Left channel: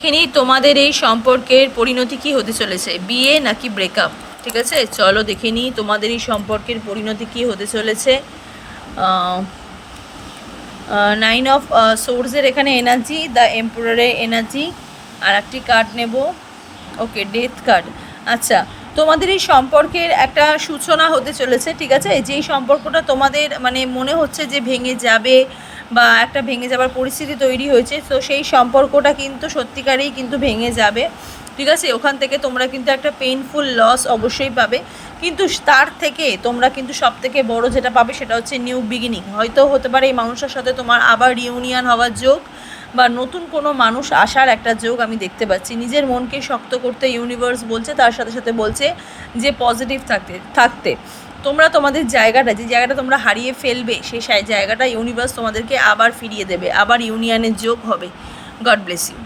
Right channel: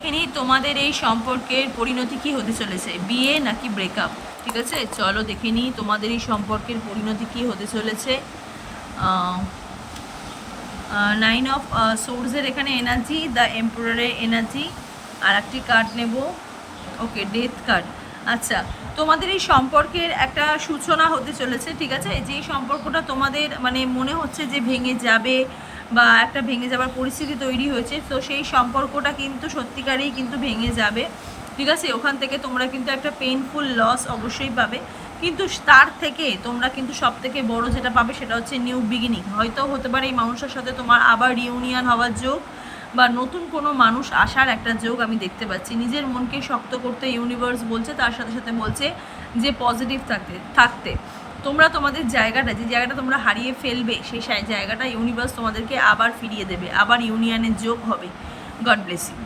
এখানেই তোমাদের এই সম্পর্কের পরিণতি কি হতে চলেছে, বিয়ে নাকি ব্রেকআপ? ঠিক আছে, চলো দেখে নিই তোমাদের এই সম্পর্কের পরিণতি কি হতে চলেছে। 9 অফ সোর্সের এখানে এনার্জি, দ্য এম্পারারের এনার্জি, আর একটি কার্ড নেব। ওকে, ডেথ কার্ড। আচ্ছা, তোমাদের এই সম্পর্কের একটা সূচনা হতে চলেছে। ঠিক আছে, যেই সম্পর্কটা তোমাদের মানে মনে হচ্ছে যে ভেঙে যাবে বা একটা ভেঙে যাবার পরিস্থিতি তৈরি হয়েছে, তো সেই সম্পর্কটা কিন্তু সত্যিকারেই কিন্তু ভেঙে যাবে। ঠিক আছে, ওখান থেকে তোমরা কিন্তু একটা পেইনফুল লস অবশ্যই পাবে, কিন্তু তার থেকে তোমরা কিন্তু সব থেকে বড়ো যেটা পাবে সেটা হচ্ছে নিউ বিগিনিং। হয়তো হতে পারে এই মানুষের সাথে তোমার আবার রিউনিয়ন হওয়ার যোগ বা নতুন কোনো মানুষ আসার একটা যোগ আমি দেখতে পাচ্ছি। নিজের মনকে শক্ত করতে ইউনিভার্স বলছে, তার সাথে সাথে বলছে যে পজিটিভ থাকতে তোমরা তোমাদের জায়গাটা, যে জায়গাটা তোমরা হারিয়ে ফেলবে, সেই জায়গাটা ইউনিভার্স তোমাদেরকে আবার ফিরিয়ে দেবে, আবার ইউনিয়নের যোগ হবে। God bless you.